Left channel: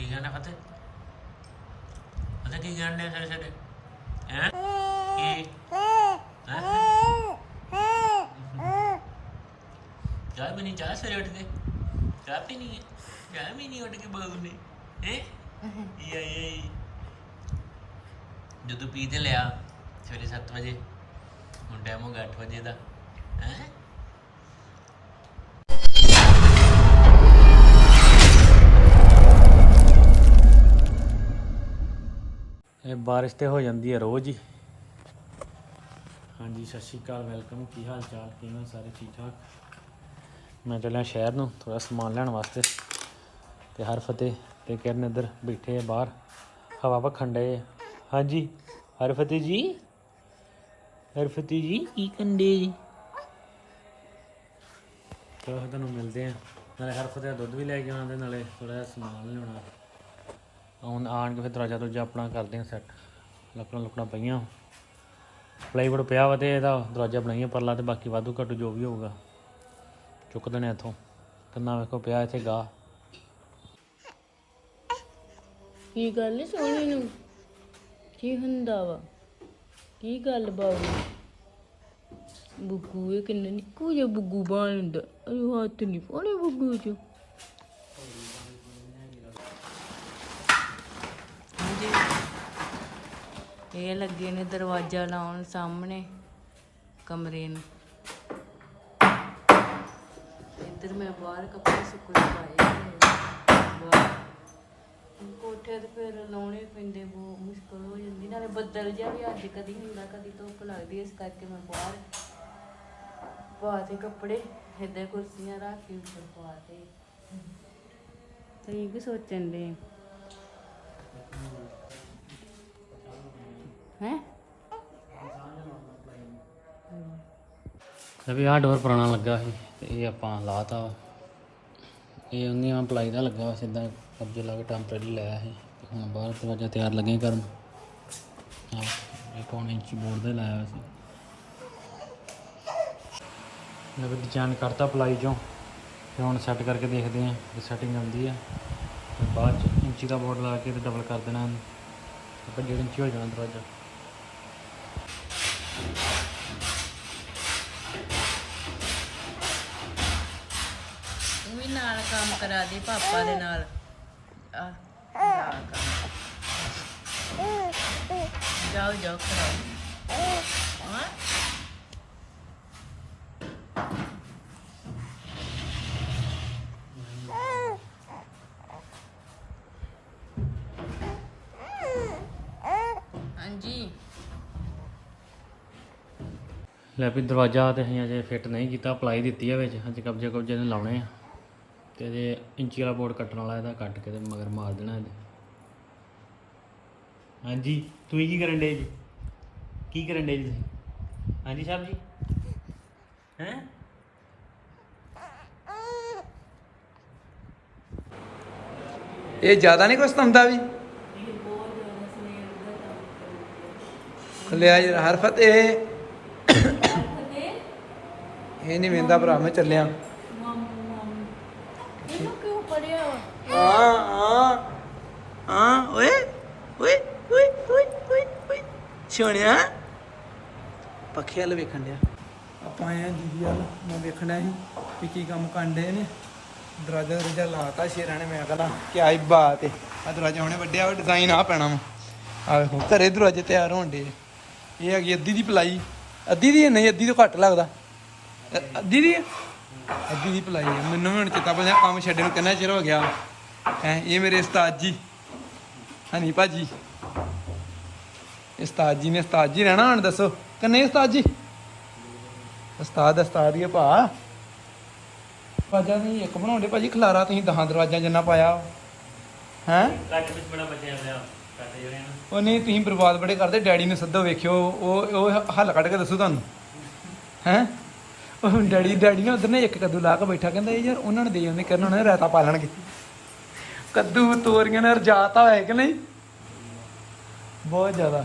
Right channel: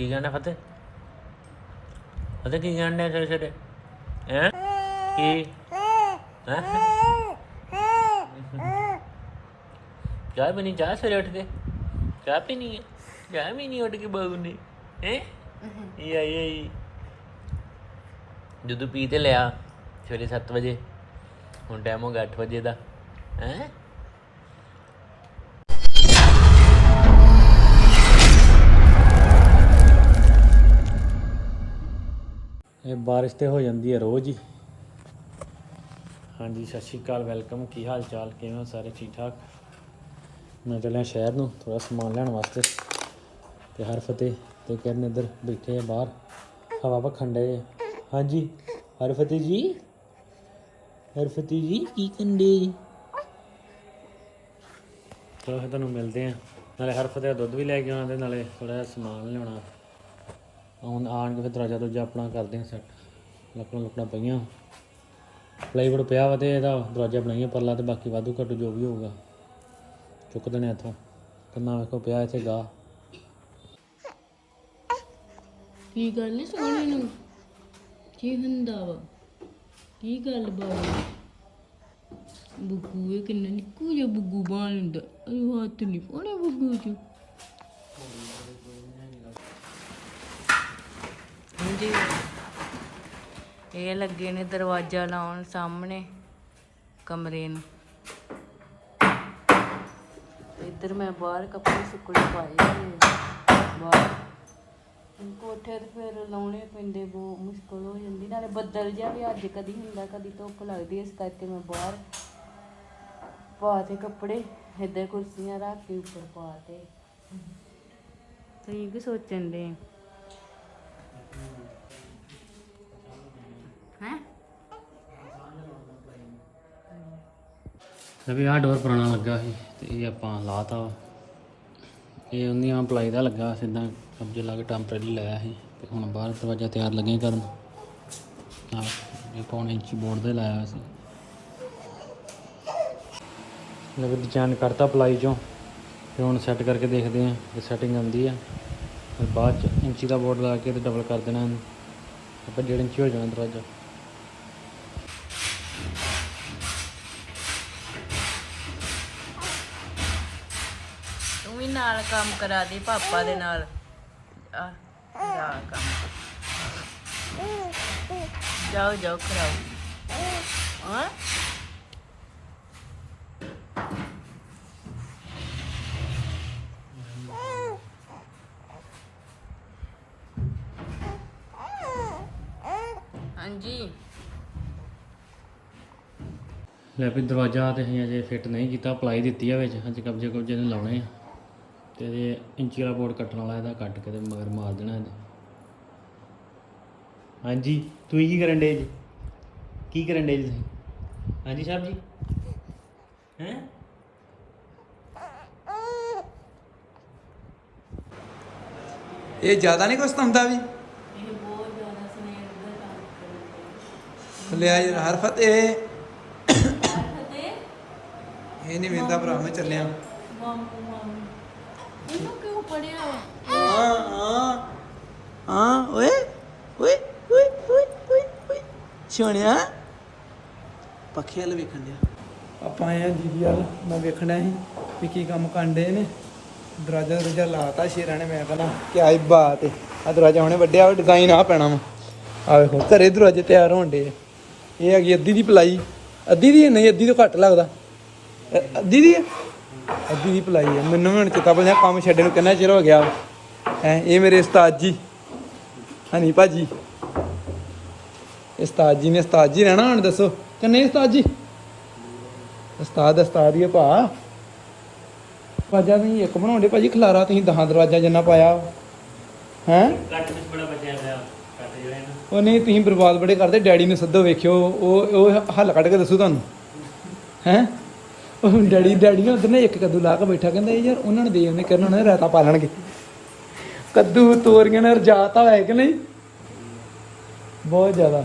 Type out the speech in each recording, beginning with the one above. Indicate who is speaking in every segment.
Speaker 1: ਕੀ ਕਹਿਣਾ ਫਤਿਹ? ਫਤਿਹ ਕੀ ਕਹਿਣਾ ਸਰੇ ਸਰੇ ਹੈ? ਕੀ? ਚਾਹ ਬਣੀ ਚਾਹ ਸਰੇ ਉੱਠ ਕੇ? ਚਾਹ ਪੀਣੀ ਹੈ? ਚਾਹ ਵੀ ਨਹੀਂ ਉੱਠ ਕੇ ਬਹੂ ਨੇ ਹੈ? ਇਹ ਆਈ ਆਈ। ਜਦੋਂ ਪੀ ਤੇ ਲਿਆ, ਸਵੇਰੇ 7 ਵਜੇ। ਹੁਣ ਟਾਈਮ ਹੋ ਗਿਆ 8 ਵਜੇ ਦਾ। ਹੈ? ਇਹ ਬਾਰਿਸ਼ ਤੇ ਹੋ ਜਾਂਦੀ ਹੈ ਰੋਜ਼ ਹੀ। ਹਾਂਜੀ, ਸਤਿ ਸ਼੍ਰੀ ਅਕਾਲ, ਵੈਲਕਮ। ਕੀ ਹਾਲ ਚਾਲ? ਕਿਵੇਂ ਸਾਰੇ? ਠੀਕ ਠਾਕ? ਮੈਂ ਚੱਲਿਆ ਸ਼ਹਿਰ ਨੂੰ ਥੋੜਾ ਸਮਾਨ ਲੈਣ ਵਾਸਤੇ ਤੇ ਹਰ ਫਤਿਹ ਤੇ ਕਿਰਨ ਇੱਧਰ ਬੈਠੇ ਆ ਬਾਹਰ। ਹਵਾ ਵਖਣ ਡਏ ਹਾਂਜੀ, ਹਰ ਫਤਿਹ ਜੀ। ਹਰ ਫਤਿਹ ਜੀ, ਕੀ ਕੰਡੇ ਜੀ? ਚਲੋ ਫਿਰ ਤੁਹਾਨੂੰ ਮਿਲਦੇ ਆ। ਨਾਲੇ ਹਰ ਫਤਿਹ ਦਾ ਦੁੱਧ ਵੀ ਲੈ ਕੇ ਆਉਣਾ ਤੇ ਨਾਲੇ ਥੋੜਾ ਜਿਹਾ ਸਮਾਨ ਲਿਆਉਣਾ। ਹੁਣ ਆਣ ਕੇ ਫਿਰ ਦਰਵਾਜ਼ਾ ਦੂਜਾ ਆਪਣਾ ਕਰਦੇ ਆ ਸੈੱਟ ਲੱਕੜਾਂ ਲੁਕੜਾਂ ਪਈਆਂ। ਪਲਾਈਵੁੱਡ ਪਿਆ ਵਾ ਤੇ ਇਹਦਾ ਦਰਵਾਜ਼ਾ ਬਣਾਈਏ ਪਰਲਾ ਤੇ ਬਾਕੀ ਵਾਧੂ ਘੱਟੂ ਜੋ ਵੀ ਹੋਊਗਾ। ਚੁੱਕ ਦੇਣੇ ਇੱਥੋਂ। ਕੰਨਾ ਵੇਖੋ ਪਿਆ ਇੱਥੇ ਗਾ।
Speaker 2: ਕੀ ਗੱਲ ਏ ਸੋਹਣੇ ਨੂੰ? ਕੀ ਹੁੰਦਾ ਵਾ? ਕੀ ਗੱਲ ਬਾਬੂ? ਬੁੱਗੂ ਇਹ ਕਿੰਨਾ ਨਿੱਕੂ ਜਿਹਾ ਬੁੱਗੂ ਬਾਣ ਹੁੰਦਾ ਅਰੇ ਹੱਥ ਨਹੀਂ ਪਾਉਣੇ ਬੁੱਗੂ ਚ। ਹਾਂਜੀ ਇਹ ਲੱਗੇ ਨੇ ਦਰਵਾਜ਼ਾ ਲਾਉਣ ਸਾਹਮਣੇ, ਕਮਰੇ ਨੂੰ। ਤੇ ਇੱਧਰ ਮੈਂ ਬਾਹਰ ਕੱਪੜੇ ਸੁੱਕਣੇ ਪਾਏ ਬਾਹਰ। ਕੋਠੇ ਤੇ ਫਿਰ ਲਾਉਣੇ ਪੈਂਦੇ, ਬਹੁਤ ਮੁਸ਼ਕਲ ਹੋ ਜਾਂਦੀ। ਨਾਲੇ ਬੱਦਲ ਜਿਹਾ ਵੀ ਅੱਜ ਕਦੀ ਹੁੰਦਾ, ਕਦੀ ਧੁੱਪ ਲੱਗਦੀ, ਇਸ ਕਰਕੇ ਮੈਂ ਬਾਹਰ ਪਾ ਤੇ ਕੱਪੜੇ, ਇੱਧਰ ਕੁਰਸੀਆਂ ਰੱਖ ਕੇ ਉੱਪਰ ਪਾ ਤੇ। ਤੁਸੀਂ ਕੀ ਸੋਚਣ ਦੇ ਹੈ?
Speaker 1: ਵੀ ਆਹ ਡੋਰ ਪੁਰਾਣਾ ਲੱਗਾ ਸੀ, ਤੇ ਇਹ ਆਪਾਂ ਲਾਤਾ ਵਾ। ਇਹ ਉਹਨੀਆਂ ਪਲਾਈ ਦਾ ਲੱਗਾ ਸਿੱਧਾ ਕਬਜੇ ਲਾ ਕੇ ਟੈਂਪਰੇਰੀ ਲਾਇਆ ਸੀ, ਤੇ ਹੁਣ ਬਾਹਰ ਦਰਵਾਜ਼ਾ ਤਿਆਰ ਲੱਗੇ ਕਰਨ। ਆ ਇਹ ਪੌਣੇ ਇੰਚੀ ਬੋਰਡ ਦੇ ਲਾਇਆ ਹੋਇਆ ਸੀ। ਲਵੇ ਡਿਜ਼ਾਈਨ ਕਰਤਾ ਪਲਾਈ ਚੋਂ, ਤੇ ਹੁਣ ਸੈੱਟ ਕਰਕੇ ਦੇਖਦੇ ਹਾਂ ਜੇ ਸੈਟਿੰਗ ਆਉਂਦੀ ਆ। ਫਿਰ ਬਾਅਦ ਚ ਇੰਚੀ ਦਾ ਬੋਰਡ ਲਾ ਕੇ ਤੇ ਡਬਲ ਕਰ ਦੇਣਾ ਇਹਨੂੰ। ਆਪਾਂ ਡੇਢ ਇੰਚੀ ਹੋ ਜਾਣਾ ਦਰਵਾਜ਼ਾ।
Speaker 2: ਤੂੰ ਕੰਮ ਕਰਾ ਦੇ ਪਾਪਾ ਦੇ ਨਾਲ। ਆ ਜਾ ਕੰਮ। ਜਾਓ ਜਾਓ ਕਰਾਓ ਹਾਂ? ਹਾਂਜੀ।
Speaker 1: ਲੈ ਵੀ ਦਰਵਾਜ਼ਾ ਤੇ ਅਸੀਂ ਅਜੇ ਫਿੱਟ ਨਹੀਂ ਕੀਤਾ ਪਲਾਈ ਦਿੱਤੀ ਆ ਵਿੱਚ। ਅੱਜ ਕਬਜੇ ਕਬਜੇ ਨੂੰ ਲਾਉਣੇ ਆ। ਤੇ ਅਜੇ ਇੰਚੀ ਵਾਲਾ ਬੋਰਡ ਕੱਟਣ ਵਾਲਾ ਇਹਦਾ ਕੱਟ ਕੇ ਤੇ ਮਗਰ ਮਾਰ ਦੇਣਾ ਇਹਦੇ। ਹਾਂਜੀ ਤੁਸੀਂ ਕੀ ਕਰਨ ਡੇ ਜੀ? ਕੀ ਕਰਨ ਡੇ ਜੀ ਤੁਸੀਂ? ਹਾਂਜੀ ਸਾਹਿਬ ਜੀ? ਹੈ?
Speaker 3: ਇਹ ਜ਼ਿਆਦਾ ਨਹੀਂ ਕੁਛ ਤੰਦਾ ਵੀ? ਲਿਆ ਯਾਰ ਹਰਫਤ ਇਹ ਇਹ ਨਹੀਂ ਵੇਂਦਾ ਭਰਾ ਮੈਂ ਚੱਲਿਆ।
Speaker 2: ਇਹਨੂੰ ਕਿਉਂ ਪੜਿਆ
Speaker 3: ਹਾਂ ਹਾਂ। ਹਾਂ ਓਏ ਓਏ ਓਏ ਓਏ ਓਏ ਓਏ। ਸੋਹਣਿਆ ਪੱਖੇ ਵਾਲ ਵੇਖਣ ਡਿਆ। ਆਪਾਂ ਆਏ ਆ ਦੀਦੀ ਵਾਲ। ਮੈਂ ਵੇਖਣਾ ਸੀ ਵੀ ਕੀ ਕੰਮ ਕਾਂਡੇ ਨੇ। ਦਰਵਾਜ਼ਾ ਦਰਵਾਜ਼ਾ ਲਾਤਾ ਸ਼ੇਰਾਂ ਨੇ। ਮੈਂ ਕਹਿੰਦਾ ਕੀ ਆਈ ਬਾਤ ਹੈ ਆ ਦਰਵਾਜ਼ਾ ਹੁਣੇ ਵੱਡਿਆ ਵਾ ਡਿਜ਼ਾਈਨ ਆ ਪੈਣਾ ਵਾ। ਆ ਵੇਖੋ ਘਰੇ ਦਰਵਾਜ਼ੇ ਤਿਆਰ ਹੋਣ ਡੇ ਇਹ ਹੈਗੀ ਅੱਧੀ ਦੀ ਪਲਾਈ। ਅੱਧੀ ਦੀ? ਨਹੀਂ ਅੱਧੀ ਤੋਂ ਘੱਟ ਲੱਗਦਾ। ਅੱਧੀ ਦੀ ਹੈ? ਅੱਧੀ ਦੀ ਪਲਾਈ ਹੈ ਮੈਨੂੰ ਵੀ ਹੁਣ ਚੇਤਾ ਭੁੱਲ ਗਿਆ ਕੰਮ ਛੱਡੇ ਨੂੰ ਕਿੰਨਾ ਚਿਰ ਹੋ ਗਿਆ ਹੈ ਇਹ ਮੇਰੇ ਉਸਤਾਦ ਜੀ। ਹਨੀ ਭਾਜੀ। ਉਸਤਾਦ ਜੀ ਨੇ ਉਸਤਾਦ ਜੀ ਰਹਿਣਾ ਹੁਣ ਦੱਸੋ। ਕਿੰਨੇ ਉਸਤਾਦ ਜੀ? ਉਸਤਾਦ ਉਸਤਾਦ ਹੀ ਆ ਭਾ। ਦਰਵਾਜ਼ਾ ਵੀ ਇੱਕ ਬਣਾਉਂਦੇ ਭਾਜੀ ਖਲਾਰਾ ਤੁਸੀਂ ਦਹਾਂ ਦਰਵਾਜ਼ਾ ਜਿੰਨਾ ਪਾਇਆ ਹੈ?
Speaker 1: ਕੱਟ ਵਿੱਚ ਬੜਾ ਬੱਚਿਆ ਪਿਆ ਕੱਟ ਜਿਹੜੇ ਨਾ।
Speaker 3: ਉਹ ਨਹੀਂ ਤੁਸੀਂ ਬਰਬਾਦ ਬੜੇ ਕਰਦੇ ਡੈਡੀ ਨੂੰ ਸੱਦੋ ਵੇਖਿਓ ਉਹ ਉਹ ਹੱਲ ਕੱਢ ਕੇ ਦੱਸੂ ਤੁਹਾਨੂੰ। ਹੈ? ਉਹ ਡੈਡੀ ਡੈਡੀ ਨੇ ਉਧਰ ਨੇ ਇੱਕ ਕੱਦੂ ਲਾ ਕੇ ਬੈਠਾ ਕਹਿੰਦਾ ਯਾਰ ਉਹਨਾਂ ਨੇ ਦੇ ਉਹਨੇ ਕਰਨ ਉਹਨਾਂ ਨੇ ਰਾਤਾ ਪਾ ਲੈਣਗੇ। ਕੱਦੂ ਤੋਰੀਆਂ ਨੇ ਰਜਾਤਾ ਹੋਇਆ ਕਿ ਨਹੀਂ? ਬਹੁਤ ਜ਼ਿਆਦਾ।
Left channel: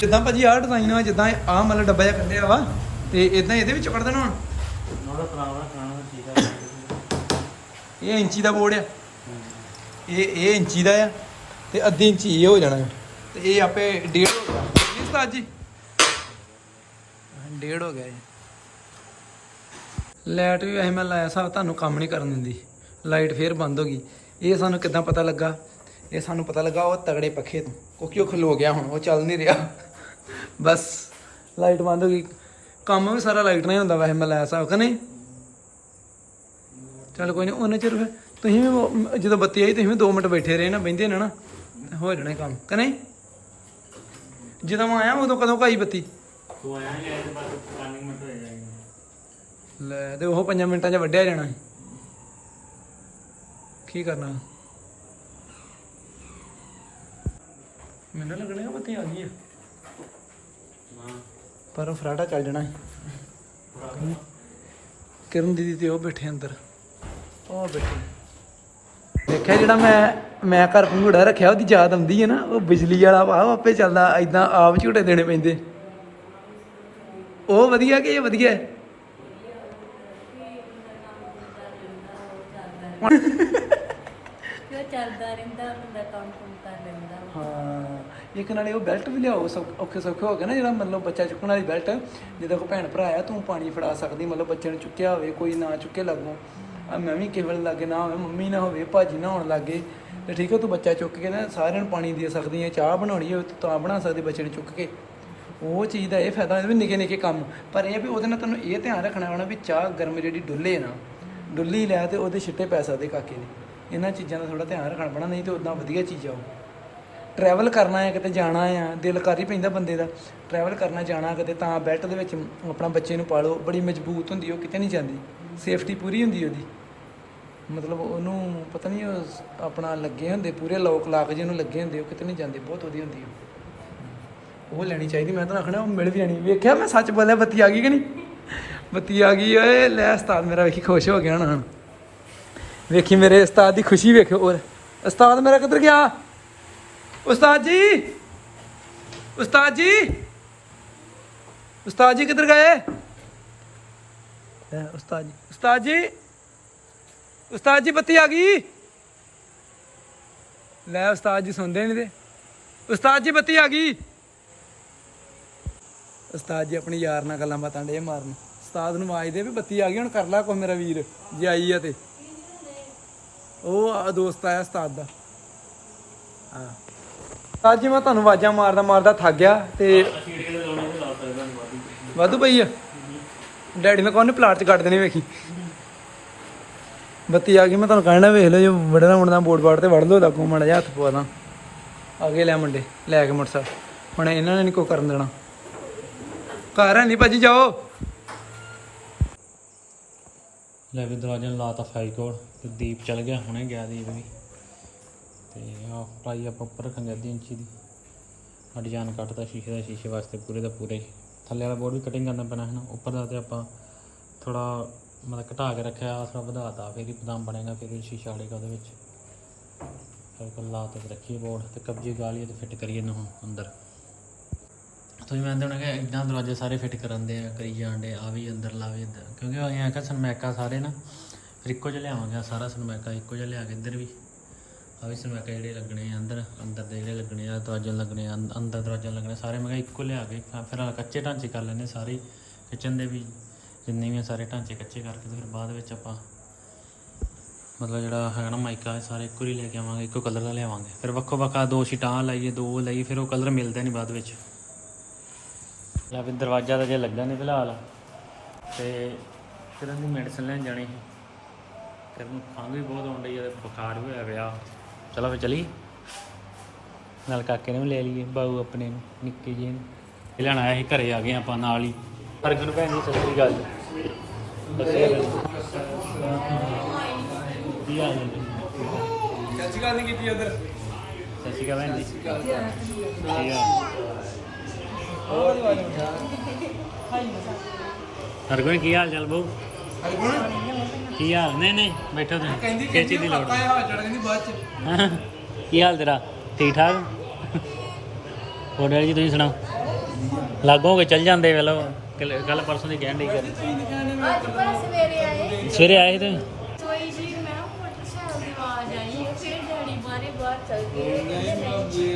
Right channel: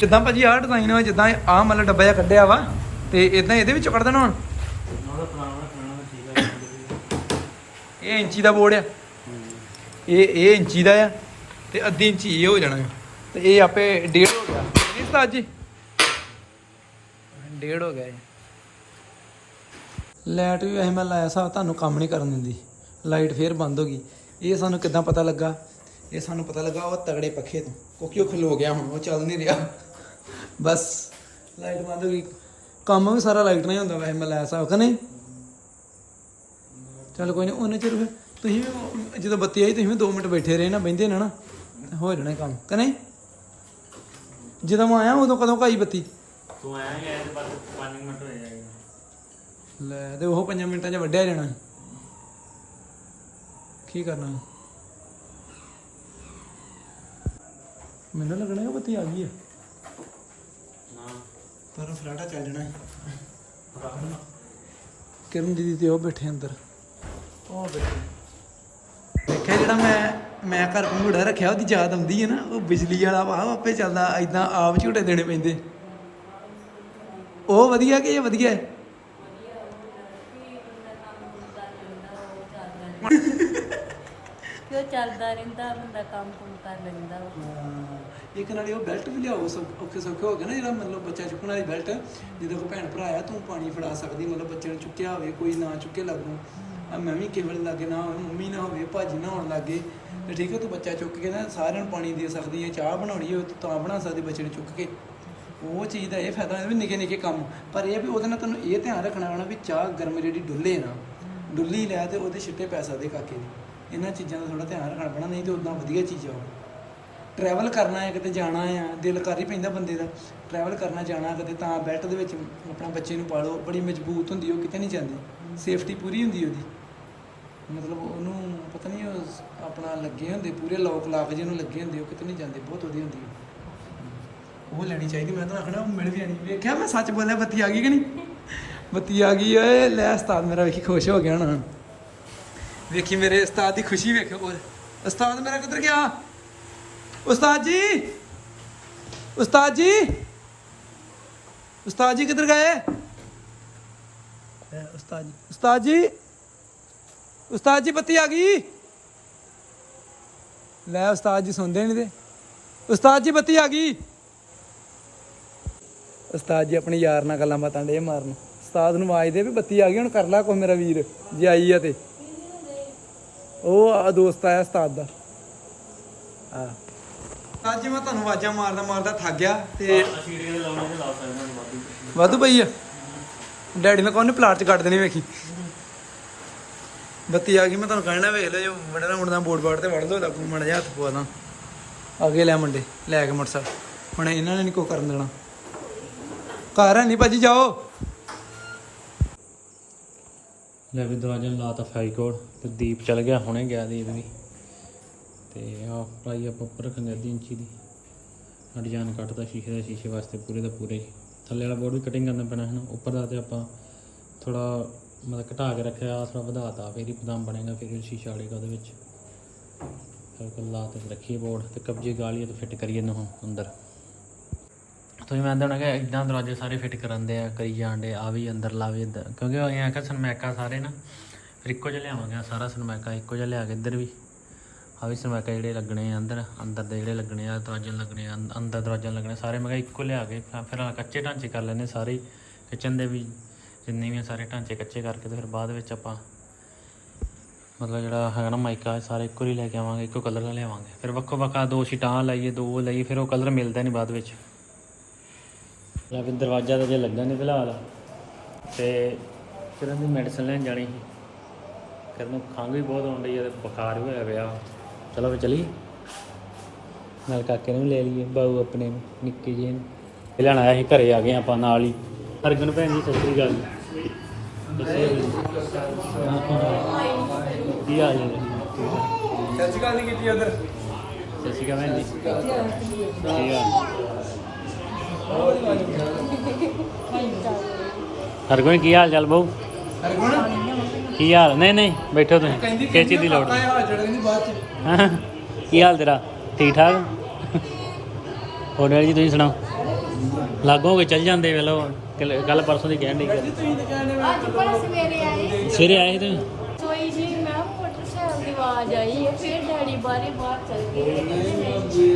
Speaker 3: ਜਿੱਦਾਂ ਭਾਜੀ ਆਹ ਡਿਜ਼ਾਈਨ ਵਾ ਜਿੱਦਾਂ ਆਹ ਮਤਲਬ ਡੱਬਾ ਜਿਹਾ ਕੱਢਿਆ ਵਾ ਤੇ ਇਦਾਂ ਇਹਦੇ ਵਿੱਚੋਂ ਕੱਢ ਦੇਣਾ ਹੁਣ।
Speaker 1: ਆ।
Speaker 3: ਇਹ ਇੰਚੀ ਦਾ ਬੋਰਡ ਆ। ਇਹ ਇਹ ਇੰਚੀ ਦਾ ਆ ਤੇ ਅੱਧੀ ਇੰਚੀ ਇਹ ਹੋ ਜਾਣਾ ਆ। ਤੇ ਇਹ ਆਪੇ ਡੇਢ ਹੋ ਗਿਆ। ਨਹੀਂ ਉਸਤਾਦ ਜੀ? ਡੇਢ ਹੋ ਗਿਆ ਇਹ ਲਾਈਟ ਵੀ ਵੈਸੇ ਮੈਂ ਲਾਇਆ ਸਾ, ਤੁਹਾਨੂੰ ਕੰਮ ਨਹੀਂ ਕਰਨ ਦਿੰਦੀ। ਲਾਈਟ ਫੇਰ ਬੰਦ ਹੋ ਗਈ। ਇਹ ਸਾਨੂੰ ਕਿੱਦਾਂ ਪਤਾ ਲੱਗਾ? ਇਹ ਸਾਨੂੰ ਪਤਾ ਲੱਗਾ ਉਹ ਤਗੜੇ ਪੱਖੇ ਤੋਂ। ਕਿਉਂਕਿ ਉਹ ਖਲੋ ਗਿਆ ਹੁਣ, ਉਹ ਚੱਲ ਨਹੀਂ ਰਿਹਾ। ਬਸ, ਲਾਈਟ ਬੰਦ ਹੋ ਗਈ। ਕੰਮ ਵੀ ਸਾਰਾ ਲਾਈਟ ਨਾਲ ਹੀ ਹੁੰਦਾ ਵੈਸੇ ਮੈਂ ਲਾਇਆ ਸਾ, ਕਿ ਨਹੀਂ? ਚੱਲ ਕੋਈ ਨਹੀਂ, ਉਹਨੇ ਚਿਰ ਫਿਰ ਤੁਸੀਂ ਵੀ ਜਦੋਂ ਬੱਤੀ ਆਈ, ਤੁਸੀਂ ਵੀ 2 ਮਿੰਟ ਬੈਠੇ ਰਹੇ ਨਾ ਬੈੰਦੇ ਨਾ ਨਾ। ਹੋ ਜਾਣਾ ਕੰਮ, ਕਿ ਨਹੀਂ? ਜਦੋਂ ਮੈਂ ਆਇਆ ਉਦੋਂ ਕਦੋਂ ਕਾਈ ਬੱਤੀ?
Speaker 1: ਤੂੰ ਆਇਆ ਹੀ ਆਇਆ ਤੇ ਬਸ 5 ਮਿੰਟ ਹੋਏ ਜਾਏਗਾ
Speaker 3: ਲੈ ਤੇ ਉਹ 5 ਮਿੰਟਾਂ 'ਚ ਵੱਢਿਆ ਜਾਣਾ। ਕੀ ਕਰਨਾ? ਮੈਨੂੰ ਲੱਗਣਾ ਕਿ ਬੱਤੀ ਆ ਗਈ ਆ।
Speaker 1: ਨਾ।
Speaker 3: ਪਰ ਫਰਾਟਾ ਚੱਲ ਜਾਣਾ ਸੀ। ਕਿਰਨ ਦੀਦੀ ਤੇ ਉਹ ਬੈਠੇ ਅੰਦਰ। ਉਹ ਬੈਠੇ। ਦੇਖਿਆ ਜਿਹੜਾ ਮੈਂ ਮੈਂ ਘਰ ਪੰਘੂੜਾ ਰੱਖਿਆ ਉਹਦੀ ਯਾਦ ਆਉਂਦੀ ਹੈ ਨਾ ਉਹ ਬਿਜਲੀ ਵਾਲਾ ਵਾ ਉਹ ਆਪੇ ਚੱਲਦਾ ਐਦਾਂ ਆਪ ਝੂਟੇ ਦੇਣੇ ਪੈਂਦੇ। ਉਹ ਵਧੀਆ ਕਿ ਇਹ ਵਧੀਆ? ਹੈ
Speaker 2: ਕਿ ਉਹ ਚੱਲਦਾ ਰਹਿੰਦਾ ਬੰਦਾ ਕੰਮ ਕੁਮ ਕਰ ਲੈਂਦਾ।
Speaker 3: ਹਾਂ ਇੱਕ ਨਾਲੇ ਉਹ ਬੈਲਟ ਵੀ ਲਿਆਓ ਔਖੇ ਸੌਖੇ ਹੋ ਗਏ ਨਾ ਜਿਹੜਾ ਮਤਲਬ ਬੱਚਾ ਚੁੱਕਣ ਵਾਲੀ ਬੈਲਟ। ਜਦੋਂ ਕੋਈ ਭੈਣ ਭਰਾ ਆ ਤੂੰ ਪਾਣੀ ਫੜਾ ਸਕਦੀ ਮਤਲਬ ਬੱਚੇ ਨੂੰ ਚੁੱਕਿਆ ਹੋਵੇ ਕੋਈ ਨਾ ਚੁੱਕੇ ਲੱਗੋ। ਆ ਮੈਂ ਵੀ ਕੇਵਲ ਲੱਗੇ ਨਾ ਹੋਵੇ, ਮੰਮੀ ਨਾ ਹੋਵੇ, ਭਾਜੀ ਨਾ ਹੋਣ ਲੱਗੇ, ਤੇ ਠੀਕ ਹੈ ਤੂੰ ਬੱਚਾ ਚੁੱਕ ਕੇ ਨਾ ਸਾਰਿਆਂ ਨੂੰ ਪਾਣੀ ਦੇ ਸਕਦੀ ਹੈ ਚਾਹ ਬਣਾਉਣੀ ਹੋਵੇ ਤੂੰ ਤਾਂ ਬਣਾ ਸਕਦੀ ਬੱਚੇ ਨੂੰ ਚੁੱਕ ਕੇ। ਉਹ ਚੀਜ਼ ਦਾ ਇਹ ਫਾਇਦਾ ਵੀ ਨਿੱਕੇ ਨਿੱਕੇ ਕੰਮ। ਪਰ ਇਹ ਵੀ ਉਹਦੇ ਨਾਲ ਤੁਹਾਨੂੰ ਇਹ ਧਿਆਨ ਰੱਖਣਾ ਹੋਣਾ ਵੀ ਚਾਹ ਗਰਮ ਜਿਹੜੀ ਡੁੱਲੇ ਨਾ, ਡੁੱਲੀ ਲੈ ਤੇ ਉਹਦੇ ਛਿੱਟੇ ਪੈ ਸਕਦੇ ਕਾਕੇ ਦੇ ਇਹਨਾਂ ਚੀਜ਼ਾਂ ਦਾ ਥੋੜਾ ਧਿਆਨ ਰੱਖਣਾ ਪੈਣਾ, ਨਹੀਂ ਤੇ ਉਦਾਂ ਵਧੀਆ ਚੀਜ਼ ਆ ਉਹ। ਟਰੈਵਲ ਕਰਨਾ ਹੈ ਕਿਤੇ ਜਾਣਾ ਆ, ਦਿਲ ਕਰ ਹੀ ਪੈਂਦਾ ਬੰਦੇ ਦਾ। ਟਰੈਵਲ ਕਰਨਾ ਜਾਣਾ ਕਿਤੇ ਤਾਂ ਬੈਲਟ ਦੇ ਵਿੱਚ ਆਪਣਾ ਬੱਚੇ ਨੂੰ ਪਾਲੋ, ਬੜੀ ਮਜ਼ਬੂਤ ਹੁੰਦੀ ਉਹ ਕਿਤੇ ਨਹੀਂ ਜਾਂਦੀ। ਸੇਫਟੀ ਪੂਰੀ ਹੁੰਦੀ ਉਹਦੀ। ਮਤਲਬ ਉਹਨੂੰ ਪਤਾ ਨਹੀਂ ਉਹ ਆਪਣਾ ਲੱਗੇ ਹੁੰਦੇ, ਪੂਰੇ ਲੋਕ ਲਾਕ ਜਿਹਨੂੰ ਲੱਗੇ ਹੁੰਦੇ, ਉਹ ਕਿਤੇ ਨਹੀਂ ਜਾਂਦੇ, ਬਹੁਤ ਵਧੀਆ ਹੁੰਦੀ ਉਹ। ਉਹ ਲੈਣੀ ਚਾਹੀਦੀ, ਮੈਂ ਤਾਂ ਆਖਣਾ, ਉਹ ਮਿਲ ਵੀ ਜਾਣੀ। ਵੇਖਿਆ ਮੈਂ ਸੱਚ ਬੋਲਿਆ, ਬੱਤੀ ਆ ਗਈ ਕਿ ਨਹੀਂ? ਬੱਤੀ ਆ ਗਈ, ਓਏ, ਲੈ ਉਸਤਾਦ ਮੇਰਾ ਵੇਖੀ ਖੁਸ਼ ਹੋ ਗਿਆ ਹੁਣ। ਵੇਖੀ ਮੇਰੇ ਉਸਤਾਦ ਦੀ ਖੁਸ਼ੀ ਵੇਖਿਓ ਔਰ ਉਸਤਾਦ ਮੇਰਾ ਕਿੱਧਰ ਗਿਆ? ਉਸਤਾਦ ਜੀ! ਉਸਤਾਦ ਜੀ! ਉਸਤਾਦ ਜੀ ਕਿੱਧਰ ਗਏ? ਉਸਤਾਦ ਜੀ ਉਸਤਾਦ ਜੀ! ਉਸਤਾਦ ਜੀ, ਬੱਤੀ ਆ ਗਈ? ਲੈ ਉਸਤਾਦ ਜੀ, ਸੁਣਦੇ ਨਹੀਂ ਤੇ। ਉਸਤਾਦ ਜੀ, ਬੱਤੀ ਆ ਗਈ? ਉਸਤਾਦ ਜੀ, ਆਪਣੇ ਯਾਰ ਨਾਲ ਗੱਲਾਂ ਬਾਤਾਂ ਡੇ ਮਾਰਨ। ਉਸਤਾਦ ਨੂੰ ਆਵਾਜ਼ ਦੇ ਵੀ ਬੱਤੀ ਆ ਗਈ, ਹੁਣ ਕਰ ਲੈ ਕੋਈ ਮੇਰਾ ਵੀਰ, ਜੇ ਆਈ ਆ ਤੇ। ਉਹ ਆ ਦੋਸਤ ਆਇਆ ਉਸਤਾਦ ਦਾ। ਆ। ਉਸਤਾਦ ਜੀ, ਮੈਂ ਤੁਹਾਨੂੰ ਆਵਾਜ਼ਾਂ ਮਾਰਦਾ ਮਾਰਦਾ ਥੱਕ ਗਿਆ ਤੇ ਵਾਧੂ ਪਈ ਆ। ਡੈਡੀ ਨੇ ਕਹਿੰਦੇ ਪਲਾਟ ਚ ਕੱਢ ਦੇਣੀ ਵੇਖੀ? ਬੱਤੀ ਆ ਗਈ, ਮੈਂ ਤੁਹਾਨੂੰ ਕਹਿਣਾ, ਵੇਖ ਲਓ ਜੋ ਵੜਨਾ ਮੁੜਨਾ ਬੋਰਡ ਬਾੜ ਤੇ ਵੜ ਲਓ ਲੱਗੋ ਮੜ ਜਾ ਹੱਥ ਪਵਾ ਦਾਂ। ਅੱਗੇ ਲੈ ਮੁੰਡੇ, ਲੈ ਕੇ ਮੋਟਰਸਾਈਕਲ। ਹੁਣ ਇਹਨਾਂ ਨੇ ਨਹੀਂ ਕੋ ਕਰਨ ਦੇਣਾ। ਘਰ ਹੈ ਨਹੀਂ ਭਾਜੀ, ਜਾਓ।
Speaker 1: ਲੈ ਵੀ ਦਰਵਾਜ਼ੇ ਨੂੰ ਲਾਤਾ ਫਰਾਈ ਕੋਡ ਤੇ ਦੀਪ ਚਲ ਗਿਆ, ਹੁਣੇ ਗਿਆ ਦੀਪ ਵੀ। ਤੇ ਆ ਫਰਾਈ ਆਪਾਂ ਉੱਪਰ ਰੱਖਾਂਗੇ ਅੱਧੀ ਇੰਚੀ ਦੀ। ਡਿਜ਼ਾਈਨ ਕੱਟਦਾ ਸ਼ੀਸ਼ੇ ਦਾ, ਸ਼ੀਸ਼ੇ ਵਾਸਤੇ ਪੂਰੇ ਦਾ ਪੂਰੇ। ਥੱਲੇ ਵਾਲਾ ਬੋਰਡ ਵੀ ਕਟਿੰਗ ਕਰਨਾ ਪੈਣਾ ਹੈ ਨਾ, ਉੱਪਰ ਦਾ ਤੇ ਆਪਾਂ ਥੋੜਾ ਮਤਲਬ ਘਟਾ ਕੇ ਰੱਖਿਆ ਆਸਰਾ ਵਧਾਤਾ, ਫਿਰ ਹੀ ਬਦਾਮ ਬਣੇਗਾ, ਫਿਰ ਇਹ ਸ਼ੀਸ਼ਾ ਆੜੇਗਾ ਉਹਦੇ ਵਿੱਚ। ਸਰਕਲ ਲਾ ਤੇ ਰੱਖੀਏ ਬੋਰਡ ਤੇ ਕਬਜ਼ੀ ਗਾਲੀਏ ਤੇ ਫਿੱਟ ਕਰੀਏ ਇਹਨੂੰ ਅੰਦਰ। ਤੁਸੀਂ ਮੈਂ ਦੇਣਾ ਕਿ ਇਦਾਂ ਦਰਵਾਜ਼ੇ ਸਾਰੇ ਫਿੱਟ ਕਰਨ ਦੇ ਆ, ਕਰੀ ਜਾਂਦੇ ਆ ਵੀ ਅੰਦਰ ਲਾਵੇ ਇੱਧਰ। ਕਿਉਂਕਿ ਅਸੀਂ ਐਂ ਕਿ ਸਨਮੈਕਾ ਸਾਰੇ ਨਾ, ਫਿਰ ਇੱਕੋ ਜਿਹਾ ਲਿਆਵਾਂਗੇ ਸਾਰਾ ਸਨਮੈਕਾ ਇੱਕੋ ਜਿਹਾ ਲਿਆ ਕੇ ਇੱਧਰ ਵੀ। ਆ ਵੀ ਸਨਮੈਕਾ ਜਿਹੜੇ ਲੱਗਣੇ ਆ ਅੰਦਰ ਅੰਦਰ ਦੇ ਜਿਹੜੇ ਲੱਗਣੇ ਆ, ਦਰਵਾਜ਼ੇ ਲੱਗਣੇ ਆ ਅੰਦ- ਅੰਦਰ ਦਰਵਾਜ਼ੇ ਲੱਗਣੇ ਸਾਰੇ ਮੈਂ ਕਿਹਾ ਇੱਕੋ ਲਿਆ ਕੇ, ਫਿਰ ਕੱਚੇ ਢਾਂਚੇ ਕਰ ਲੈਣੇ ਸਾਰੇ ਕਿਚਨ ਦੇ ਵੀ ਜਿੰਨੇ ਵੀ ਆ ਸਾਰੇ ਢਾਂਚੇ ਕੱਚੇ ਕਰਕੇ ਤੇ ਫਿਰ ਬਾਅਦ ਵਿੱਚ ਆਪਾਂ ਮਤਲਬ ਜਿਹੜਾ ਹੈਗਾ ਨਾ ਮਾਈਕਾ ਸਾਰੇ ਇੱਕੋ ਹੀ ਲੈ ਕੇ ਆਵਾਂਗੇ, ਇੱਕੋ ਕਲਰ ਦਾ ਲਿਆਵਾਂਗੇ। ਫਿਰ ਵੱਖੋ ਵੱਖਾ ਦੋ ਸ਼ੀਟਾਂ ਲਾਈਏ, ਦੋ ਲਾਈਏ, ਫਿਰ ਉਹ ਕਲਰ ਮਿਲਦਾ ਨਹੀਂ ਬਾਅਦ ਵਿੱਚ। ਲੈ ਵੀ ਦਰਵਾਜ਼ਾ ਤਾਂ ਜੇ ਲੱਗਾ ਨਹੀਂ ਫਿਲਹਾਲ, ਤੇ ਫਿਰ ਉਹਦੀ ਮੈਡੀਸਨ ਲੈਣ ਜਾਣੀ ਸੀ। ਕਿਰਨ ਖੰਘ ਵੀ ਬਹੁਤ ਆਉਣ ਡਈ ਹੈ ਤੇ ਬੁਖਾਰ ਵੀ ਹੋਇਆ ਪਿਆ। ਚਲੋ ਫੇ ਚਲੀ ਨਾਲ ਕਾਕੇ ਨੂੰ ਵੀ ਲੈ ਲਈਏ, ਬਾਊ ਆਪਣੇ ਨੂੰ, ਨਿੱਕੇ ਜੀ ਨੂੰ। ਇਹ ਲੈਣ ਆਇਆ ਸੀ, ਘਰੇ ਆ ਗਏ ਆਪਾਂ ਨਾਲ ਹੀ। ਹਰਗੁਣ ਭੈਣ ਜੀ, ਸਤਿ ਸ੍ਰੀ ਅਕਾਲ ਕੀ ਹਾਲ ਹੈ
Speaker 3: ਸੱਚੀ ਗੱਲ ਨਹੀਂ ਕੀਤੀ ਉਧਰ
Speaker 1: ਸਤਿ ਸ਼੍ਰੀ ਅਕਾਲ ਭੈਣ ਜੀ ਕੀ ਹਾਲ ਹਰਗੁਣ ਕੀ ਹਾਲ ਚਾਲ ਬਹੁ?
Speaker 3: ਹਰਗੁਣ
Speaker 1: ਕੀ ਹਾਲ? ਨਹੀਂ ਨਹੀਂ ਬੈਠੋ ਤੁਸੀਂ। ਖੇਚੀ ਦੀ ਲੋੜ ਨਹੀਂ। ਹਾਂ, ਕੀ ਹਾਲ ਤੇਰਾ? ਠੀਕ ਠਾਕ? ਹੋਰ ਡੈਡੀ ਜੀ ਤੁਸੀਂ ਸੁਣਾਓ? ਲਾਗੋਂ ਹੋ ਕੇ ਚੱਲ ਜਾਂਦੇ ਵੇਲੋ ਕੱਲ ਪਰਸੋਂ ਦੀ ਕਹਿਣ ਡਈ ਗੱਲ।
Speaker 3: ਤੁਸੀਂ ਕਹਿੰਦੇ
Speaker 2: ਅੱਜ ਪਰ ਸਵੇਰੇ ਆਏ।
Speaker 1: ਸਵੇਰੇ ਆਏ ਤੇ?
Speaker 2: ਸੋਈ ਜੀ ਮੈਂ ਕਿਹਾ ਮੋਟਰਸਾਈਕਲ ਦੀ ਆਵਾਜ਼ ਆਈ ਹੈ ਫਿਰ ਡੈਡੀ ਬਾਹਰੇ ਬਾਹਰ ਚੱਲ ਗਏ।
Speaker 3: ਨਹੀਂ ਮੈਂ ਜੇ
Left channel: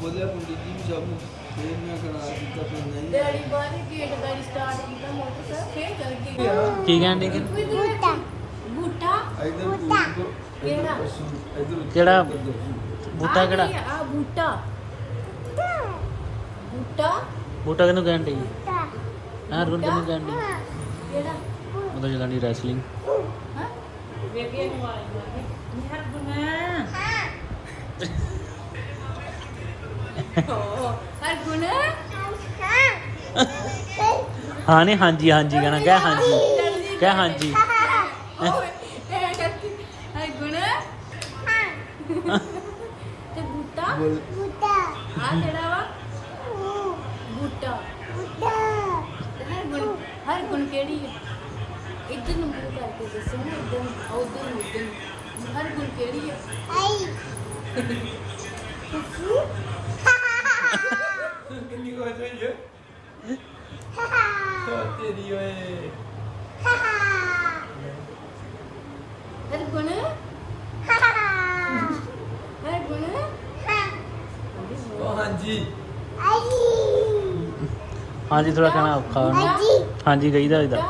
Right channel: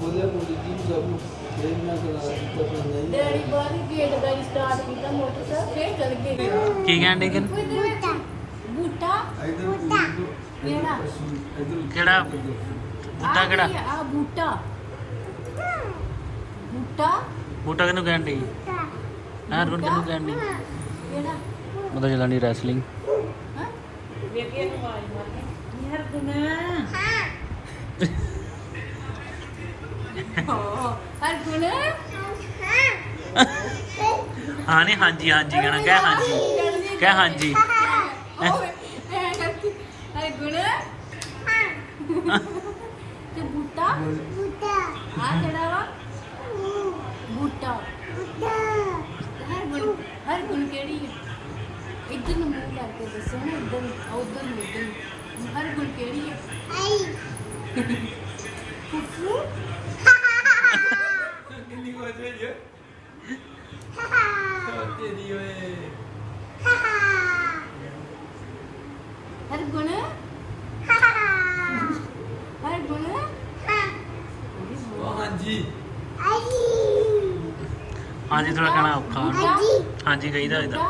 Speaker 3: ਬੋਲਿਆ ਮੁੰਡੀ ਜੀ ਜਬ ਫੇਰ ਮੈਂ ਕਰਾ ਦਿੱਤਾ ਫਿਰ ਨਹੀਂ।
Speaker 2: ਡੈਡੀ ਬਾਹਰ ਗੇਟ ਦਾ ਸਟਾਰਟ ਕੀਤਾ ਮੋਟਰਸਾਈਕਲ ਫਿਰ ਚੱਲ ਗਏ।
Speaker 1: ਕੀ ਕਹਿਣ ਡਈ ਕਿ
Speaker 2: ਬੂਟਾ। ਬੂਟਾ। ਕਿਹੜਾ?
Speaker 1: ਬੂਟਾ ਕਿਹੜਾ?
Speaker 2: ਆ? ਬੂਟਾ। ਬੂਟਾ।
Speaker 1: ਬੂਟਾ। ਕਿਹਨੂੰ ਕਹਿਣ ਡਈ? ਹਾਂ ਰੁਣ ਕਿਹਨੂੰ ਕਹਿਣ
Speaker 2: ਕਿਹੜਾ
Speaker 1: ਉਹਦਾ ਜਿਹੜਾ ਨਹੀਂ ਰੈਸਲਿੰਗ
Speaker 2: ਹਾਂ ਹਰ ਗੁਣ
Speaker 1: ਹਾਂ ਨਹੀਂ ਹਾਂਜੀ ਹਾਂਜੀ ਕਹਿਣਾ ਕਹਿ ਹਾਂਜੀ ਕਹਿ ਹਾਂਜੀ।
Speaker 2: ਹਰ ਗੁਣ ਤੇ ਬੂਟਾ? ਆ ਕਿਹੜਾ ਵਾ? ਬੂਟਾ। ਹਰ ਗੁਣ ਕਿਹੜੀ ਹੈ ਇੱਧਰ ਨੂੰ ਮੂੰਹ ਕਰਕੇ ਦੱਸੋ ਨਾ ਇੱਧਰ ਨੂੰ ਆ ਉੱਧਰ ਨੂੰ ਇੱਧਰ ਨੂੰ ਹਰ ਗੁਣ ਕਿਹੜੀ ਹੈ ਫੁੱਫੂ
Speaker 3: ਕਿੰਨੀ ਕੋ ਹੋਈ ਹੈ ਤੇਰੀ ਓਏ
Speaker 2: ਹਰ ਗੁਣ ਹਰ ਗੁਣ
Speaker 3: ਉਹ ਹਾਂਜੀ
Speaker 1: ਥੋੜਾ ਕਹਿਣਾ ਔਖਾ। ਹਾਂਜੀ। ਕਹੀਦਾ ਇਹਦਾ
Speaker 2: ਹੈ।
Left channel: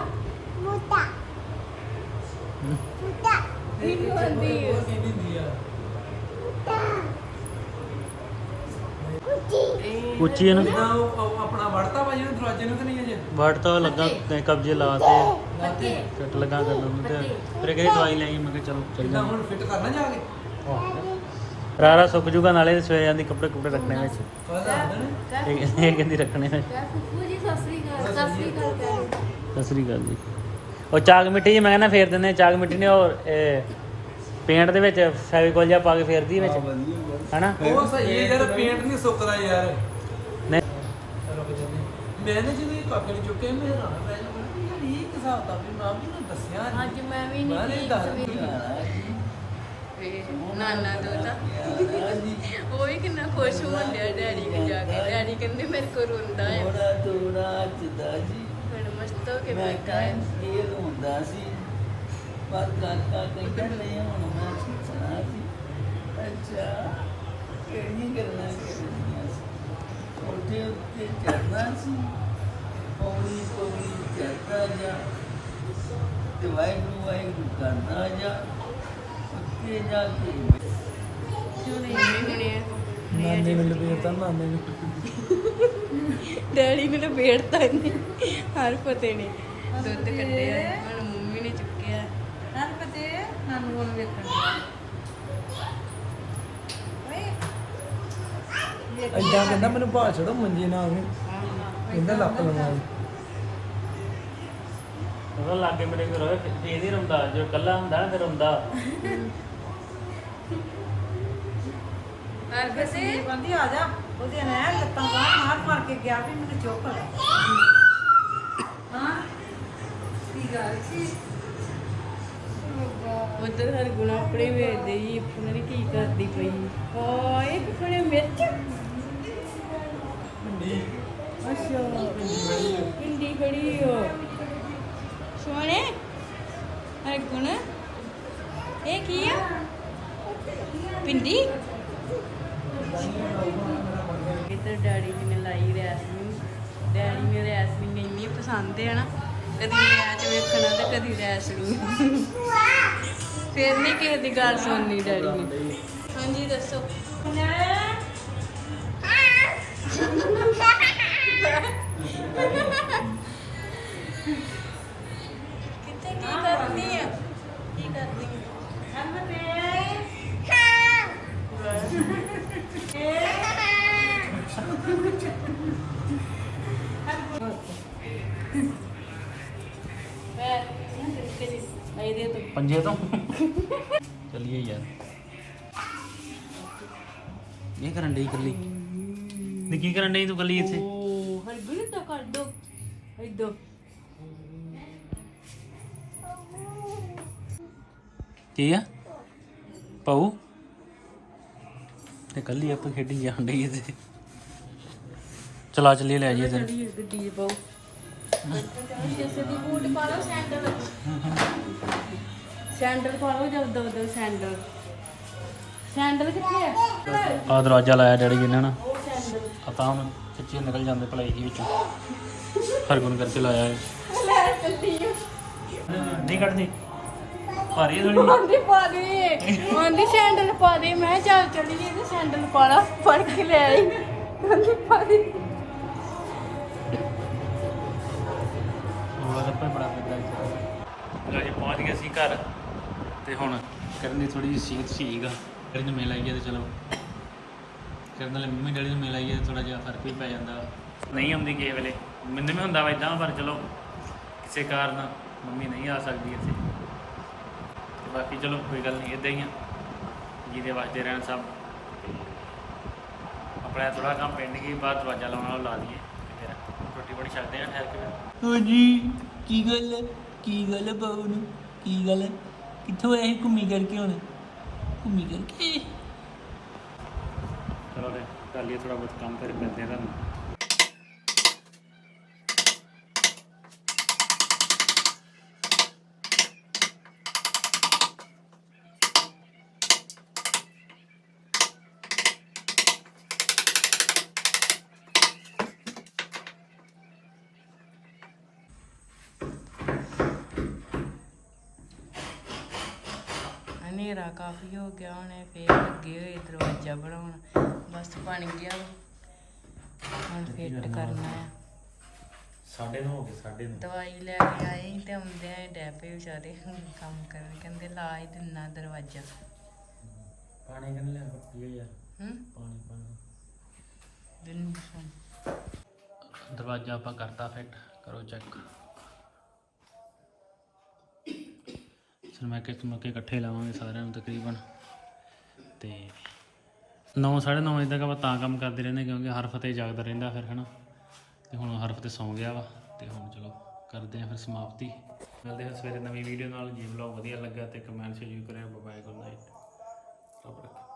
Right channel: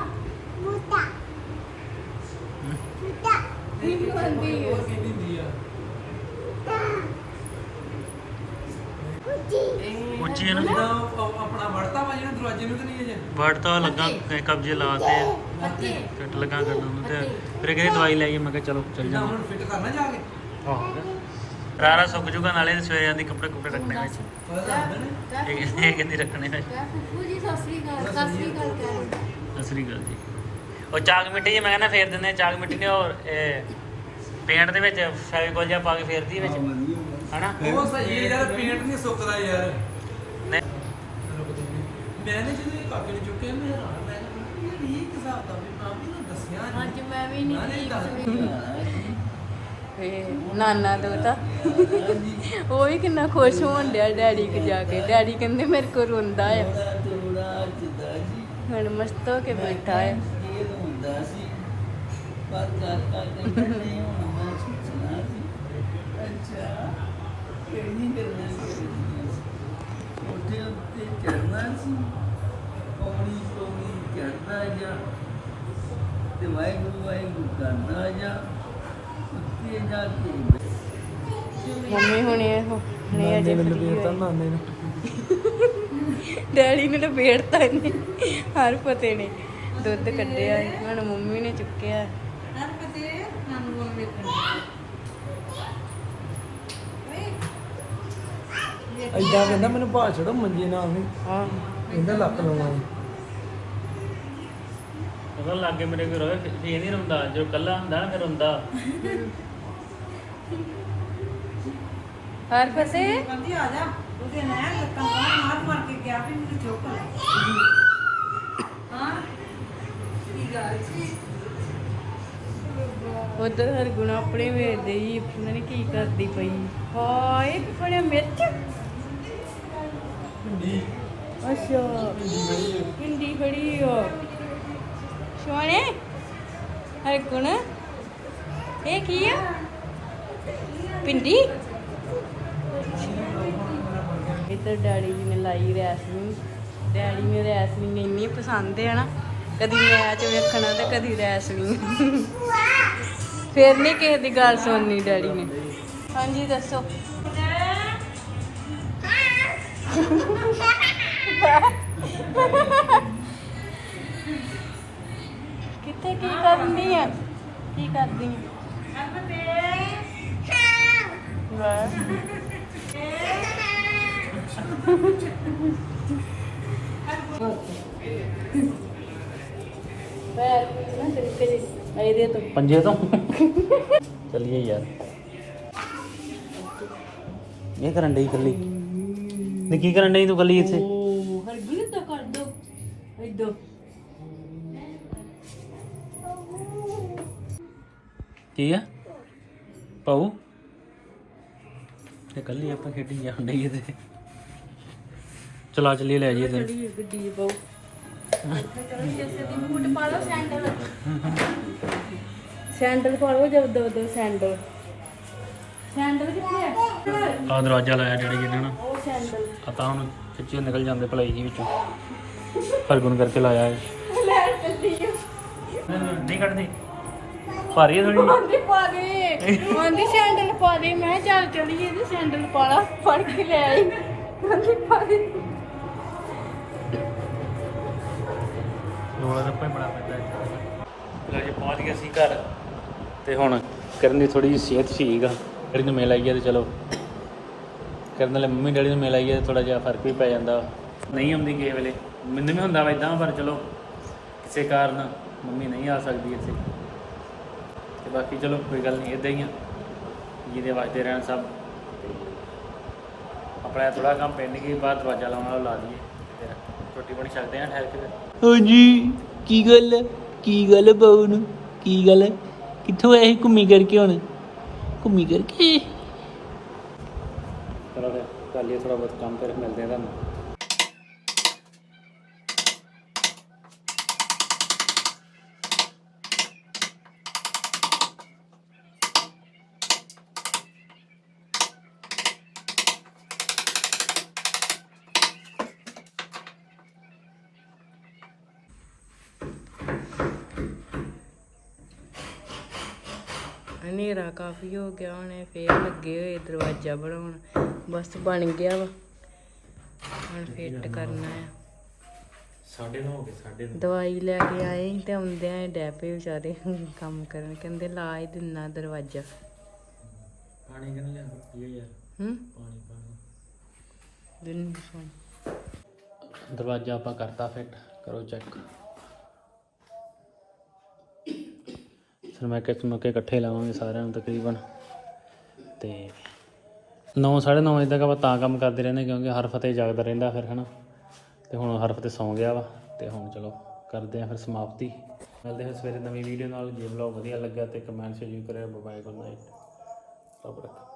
Speaker 1: ਉੱਚੀ
Speaker 3: ਉਹ ਆਪ- ਆਪਣਾ ਵੜਤਾ ਵਾ ਜਿਹਨੂੰ ਦਰਵਾਜ਼ੇ ਨੂੰ ਤੇ ਨਹੀਂ ਅਜੇ?
Speaker 1: ਵੜ ਤਾਂ ਲੱਗਾ ਕ- ਕਬਜੇ ਲਾਤੇ ਆ
Speaker 2: ਪੱਤੇ।
Speaker 1: ਕੱਟ ਲਗਾ ਕਰਨ ਨੂੰ ਤੇ। ਫਿਰ ਕਹਿੰਦੇ ਦਵਾਈ ਲੈ ਗਈ? ਮੈਂ ਕਿਹਾ ਚਲੋ ਚੱਲ
Speaker 3: ਜਾਂਦੇ ਹੁਣ ਫਿੱਟ ਕਰਨਾ ਜਾ ਕੇ।
Speaker 1: ਆਹ। ਰਾਰਾ ਸੁੱਕ ਜੂਗਾ ਨਾਲੇ ਸਵੇਰੇ ਜਾਂਦੀ ਕੱਪੜੇ ਕੁਪੜੇ ਰੱਖਣੇ
Speaker 3: ਨੇ
Speaker 1: ਇਹ ਇਹ ਕਹਿੰਦੀ ਰੱਖਣੇ ਵਿੱਚ?
Speaker 2: ਕਿਆ ਫੁੱਫੂ ਜੀ ਸਤਿ ਸ੍ਰੀ ਅਕਾਲ ਸਤਿ ਸ੍ਰੀ ਅਕਾਲ ਕਹਿ
Speaker 1: ਸਤਿ ਸ੍ਰੀ ਅਕਾਲ ਜੀ। ਉਹ ਚਾਗ ਮਿੱਟੀ ਜੀ ਮੈਂ ਕਹਿੰਦਾ ਫੇਰ ਦਿੰਦੇ ਆ, ਚਾਗ ਮਿੱਟੀ ਨੇ ਉਹ ਇਹ ਪੇਂਟ ਦੇ ਵਿੱਚ ਫੈਵੀਕੋਲ ਜਿਹਾ ਪਾ ਕੇ ਫੇਰਦੀ ਵਿੱਚ। ਹਨਾ?
Speaker 3: ਉਹ ਸਹੀ ਹੈ ਯਾਰ ਪੇਂਟ ਨਹੀਂ ਸੁੱਕਦਾ ਯਾਰ।
Speaker 1: ਨਹੀਂ।
Speaker 3: ਮੈਂ ਨਾ ਜਦੋਂ ਇਹ ਕਾਕੜ ਚੁੱਕਿਆ ਮੈਂ ਹੈਰਾਨ ਰਹਿ ਗਿਆ। ਮੈਂ ਕਿਹਾ ਯਾਰ ਇਹ ਕੀ ਹਿਸਾਬ ਦਾ ਵੀ ਮਾਮੀ ਨੇ ਦੱਸਿਆ ਨੀ।
Speaker 2: ਅੱਜ ਮੈਂ ਵੀ ਨਹੀਂ ਠੀਕ ਸਵੇਰੇ ਨਾਨਾ ਦੋਤਾ। ਉਹ ਵੀ ਕਿੰਨਾ ਖੁਸ਼ ਹੋਣ ਡਿਆ ਡੈਡੀ ਕੇ ਜਾ ਕੇ। ਡੈਡੀ ਕਹਿੰਦੇ ਮੇਰੇ ਕੋ ਰੋਂਦਾ ਆ।
Speaker 3: ਥੋੜਾ ਥੋੜਾ ਜਿੱਦਾਂ ਜੀ।
Speaker 2: ਹੁਣ ਮਸਤ ਹੋ ਕੇ
Speaker 3: ਮੈਂ
Speaker 2: ਬੈਠਾ ਹੈ
Speaker 3: ਇਹ ਹੁੰਦਾ ਸੀ। ਪਰ ਕਾਕਾ ਕਹਿੰਦਾ ਨਹੀਂ ਹੁਣ ਮੈਂ ਸੁਣਾ ਸੀ। ਅੱਛਾ ਕਿਹੜੀ ਕਰਨਾ ਸੀ? ਉੱਤੇ ਚੜਨਾ ਸੀ। ਪੌੜੀ ਪੌੜੀ ਜਾ। ਤੇ ਵਾਹਿਗੁਰੂ ਵਾਹਿਗੁਰੂ ਕਰਦਾ ਜਾ।
Speaker 2: ਮੰਮੀ ਹੁਣੇ ਹੁਣੇ ਅਜੇ ਫਰੀ ਹੋਈ। ਡੈਡੀ ਨੇ ਲਪੇੜਤਾ ਇਹਨੇ ਹਰ ਪਤੇ ਨੇ ਦੁੱਧ ਕੱਢਿਆ ਹੁਣ ਮੰਮੀ ਨੇ ਚੁੱਕਿਆ। ਹਰ ਪਤੇ ਨਾਨੂ ਨੂੰ ਵੇਖਣ।
Speaker 3: ਐਦਾਂ ਕਹਿੰਦਾ ਮੈਨੂੰ ਬਾਹਰ ਛੱਡੋ ਮੰਜੀ ਨਾਲ
Speaker 2: ਹਾਂ।
Speaker 3: ਕਹਿੰਦਾ ਲੱਕ ਲਵਾਉਂ
Speaker 1: ਉਹ ਲਾਗੇ ਮੇਰੇ ਕੋਲ ਇਹ ਨਹੀਂ ਰੋਂਦਾ ਜੋ ਕੱਲਾ ਹੁੰਦਾ ਨਾ ਫਿਰ ਰੋਂਦਾ।
Speaker 2: ਹਰ ਪਤੇ
Speaker 4: ਕਹਿੰਦੀ ਆ ਜਾ। ਉਹਦੇ ਨੇ ਲੱਤਾਂ ਬਾਹਰ ਮਾਰ ਮਾਰ ਕੇ ਗਿਆ ਵੀ ਮੈਨੂੰ ਚੁੱਕ ਲੈ। ਹਾਂ ਕੀ ਗੱਲ ਸੀ?
Speaker 2: ਉਧਰ ਹਰ ਗੁਣਾ ਆਪਣੇ ਵੇਖਦੇ ਜੀ ਉਹਨਾਂ ਨੇ ਕੀ ਕਰਦੀ ਪਈ। ਹਾਏ ਕਿਹੜੇ ਮਿਰਚ। ਅੱਛਾ ਪਿੰਡੀ ਖੜੀ ਹੋ ਸੋਹਣੇ? ਹਰ ਗੁਣ। ਇਹ ਕੀ ਆ? ਪਿੰਡੀ ਇੱਧਰ ਡੈਡੀ ਜੀ ਨੇ ਲਾਈ ਰੈਸਲਿੰਗ ਡੈਡੀ ਨੇ ਰੈਸਲਿੰਗ ਇੰਨੀ ਪਸੰਦ ਹੈ ਨਾ ਕਦੀ ਮੈਚ ਵੇਖਣਾ ਤੇ ਕਦੀ ਰੈਸਲਿੰਗ ਫਿਰ ਨਹੀਂ ਕਿਸੇ ਦੀ ਗੱਲ ਸੁਣਨੀ ਡੈਡੀ ਨੇ। ਹਾਂਜੀ ਦੱਸੋ। ਕਿੱਥੇ ਕੀ ਕਰਦੀ ਆ ਕੀ ਕਰਦੀ ਜੀ ਆਈਡੀਆ ਤੋਂ
Speaker 1: ਪੰਜੇ ਤੋਂ? ਚੱਲੀਏ ਯਾਰ। ਇਹ ਕਰਨ ਡਈ ਇਕੱਲੀ। ਨੇ ਕੀ ਕਰਨ ਡਈ ਤੂੰ ਇਕੱਲੀ ਇੱਥੇ?
Speaker 2: ਓ ਹਰਗੁਣ ਤਾਂ ਕਰ ਦੋ। ਇਦੋਂ
Speaker 1: ਕੀ ਆ? ਪਾਉ। ਤੇ ਕੱਲੀ ਆਪਾਂ ਖੇਡੀ ਜਾਣ ਡਈ ਇਹਦੇ ਚਲਾ ਚੱਲੀਏ ਲੈ ਜਾਈਏ ਤੈਨੂੰ
Speaker 2: ਗੱਡੀ ਸੈਂਡਲ ਪਾ ਲਓ ਜਦ ਦੋ ਦੋ ਸੈਂਡਲ? ਸੈਂਡਲ ਕਿੱਥੇ ਆ?
Speaker 1: ਆ ਦਰਵਾਜ਼ਾ ਲਾਇਆ ਡੈਡੀ ਇਹਨਾਂ ਨੇ।
Speaker 2: ਸੈਂਡਲ।
Speaker 1: ਪਤਾ ਹੁਣ ਕਿੱਥੇ ਨਿਕਲ ਜਾਂਦੇ ਭਲਾਈ ਜੀ ਵਿੱਚੋਂ। ਹਰਗੁਣ ਕਰਕੇ ਲਾਇਆ ਹੈ ਨਹੀਂ ਕੱਢਦੀ। ਭਾਰੀ ਹੈ ਥੋੜੀ
Speaker 2: ਆਂਦੀ ਪਾ ਦੇ। ਆਂਦੀ ਸੈਂਡਲ ਪਾ ਦੇ। ਮੈਂ ਕਿਹਾ ਚੱਲ ਚਲੀਏ ਤੇ ਸੈਂਡਲ ਪਾ ਲਾ। ਫੜ ਕੇ ਲੈ ਆਈ। ਆਂਦੀ ਪਾ ਦੇ।
Speaker 1: ਰੋਲਾ ਰੱਪਾ ਹੀ ਬੜਾ ਪੈਂਦਾ ਹੈ ਲੋ ਜੀ ਪਹੁੰਚ ਗਏ ਸੀ ਘਰ। ਤੇ ਹੁਣ ਕਰਨ ਦੀ ਥੋੜੀ ਜਿਹੀ ਸਿਹਤ ਠੀਕ ਆ। ਡੈਡੀ ਨੂੰ ਮਿਲ ਆਈਏ ਤੇ ਚਲੋ। ਕਰਨ ਵਾਲੇ ਮੰਮੀ ਡੈਡੀ ਨੂੰ ਮਿਲ ਆਈਏ ਤੇ ਥੋੜਾ ਜਿਹਾ ਫ਼ਰਕ ਵੀ ਪੈ ਜਾਂਦਾ। ਨਹੀਂ ਆਉਂਦੀ ਕਿਸੇ ਵੇਲੇ। ਮੈਨੂੰ ਵੀ ਹੁੰਦਾ ਵਾ ਇਦਾਂ ਪਰ ਚਲੋ ਕਿਸੇ ਕਾਰਨ ਮੰਮੀ ਨਹੀਂ ਆ ਸਕਦੀ ਇੱਥੇ। ਤੇ ਬਾਕੀ ਚਲੋ ਕੋਈ ਗੱਲ ਨਹੀਂ ਇਦਾਂ ਹੀ ਆ। ਜਿਹਦੇ ਵਾਸਤੇ ਰਹਿਣ ਸਭ। ਆਪਣਾ ਥੋੜਾ ਕੰਮ ਪੈਂਡ ਗਈ ਬਾਅਦ ਦਰਵਾਜ਼ਾ ਲਾਉਣ ਵਾਲਾ ਲਾ ਦਈਏ ਫਿਰ ਰੋਟੀ ਪਾਣੀ ਛਕਦੇ ਆ ਠਹਿਰ ਕੇ ਫਿਰ।
Speaker 3: ਹਾਂਜੀ ਕੀ ਗੱਲ? ਕੀ ਗੱਲ ਹੈ ਬਾਊ ਨੂੰ ਕੀ ਗੱਲ? ਕਿੱਥੋਂ ਆਏ ਸੀ ਘੁੰਮੀ ਕਰਕੇ ਹੁਣ? ਘੁੰਮੀ ਕਰਕੇ?
Speaker 1: ਚਲੋ ਫਿਰ ਕਰ ਲਈਏ ਥੋੜਾ ਬਹੁਤ ਕੰਮ ਫਿਰ ਮਿਲਦੇ ਆ ਤੁਹਾਨੂੰ।
Speaker 2: ਹਨੇਰਾ ਕਾਫੀ ਹੋ ਗਿਆ ਹੁਣੇ ਫੇਰ ਲੱਗੇ ਹੋਏ ਦਰਵਾਜ਼ਾ ਬਣਾਉਣ। ਬਸ ਬਣ ਗਿਆ ਵਾ। ਹੁਣ ਫਿੱਟ ਕਰਨਾ ਆ।
Speaker 1: ਸਾਡੇ ਨੂੰ ਹੋ ਗਏ ਸਾਡੇ ਨੂੰ।
Speaker 2: ਦਵਾਈ ਲੈ ਕੇ ਆਏ ਤੇ ਆਉਂਦਿਆਂ ਹੀ ਡੈ ਪਏ ਵਿਚਾਰੇ ਕੰਮ ਕਰਨ। ਕਹਿੰਦੇ ਲਾ ਹੀ ਦਿੰਨਾ ਦਰਵਾਜ਼ਾ।
Speaker 1: ਪਾਣੀ ਕਿੰਨੇ ਲਿਆ ਪੀਓ ਯਾਰ?
Speaker 2: ਹੂੰ?
Speaker 1: ਪਾਣੀ ਪਾਣੀ।
Speaker 2: ਦਿਨ
Speaker 1: ਦਰਵਾਜ਼ਾ ਆਪਾਂ ਕਰਤਾ ਫਿੱਟ ਕਰੋ ਚੈੱਕ ਸਰ ਮੈਂ ਕਿ ਇਕੱਠੇ ਲਾਵਾਂਗੇ ਸਾਰਿਆਂ ਨੂੰ ਤਕਰੀਬਨ। ਤੇ 9 9:30 ਵਜੇ ਤੱਕ ਆਪਾਂ ਤਾਂ ਕੰਮ ਕਰਦੇ ਰਹਿੰਦੇ ਕਿਉਂਕਿ ਹਰ ਫਤਿਹ ਜਾਗਦਾ ਰਹਿੰਦਾ ਫਿਰ, ਹਨਾ? ਤੇ ਹੁਣ ਹਰ ਫਤਿਹ ਸੌਂ ਗਿਆ ਵਾ ਤੇ ਹੁਣ ਚਲੋ ਕਰਦੇ ਆ ਫਿਰ ਸਮਾਪਤੀ। ਮਿਲਦੇ ਹਾਂ ਸਵੇਰੇ ਨਵੀਂ ਵੀਡੀਓ ਨਾਲ। ਜੇ ਵਲੌਗ ਵਧੀਆ ਲੱਗਾ ਤੇ ਕਮੈਂਟ ਸ਼ੇਅਰ ਕਰਿਓ। ਬਾਏ ਗੁੱਡ ਨਾਈਟ ਰੱਬ ਰੱਖੇ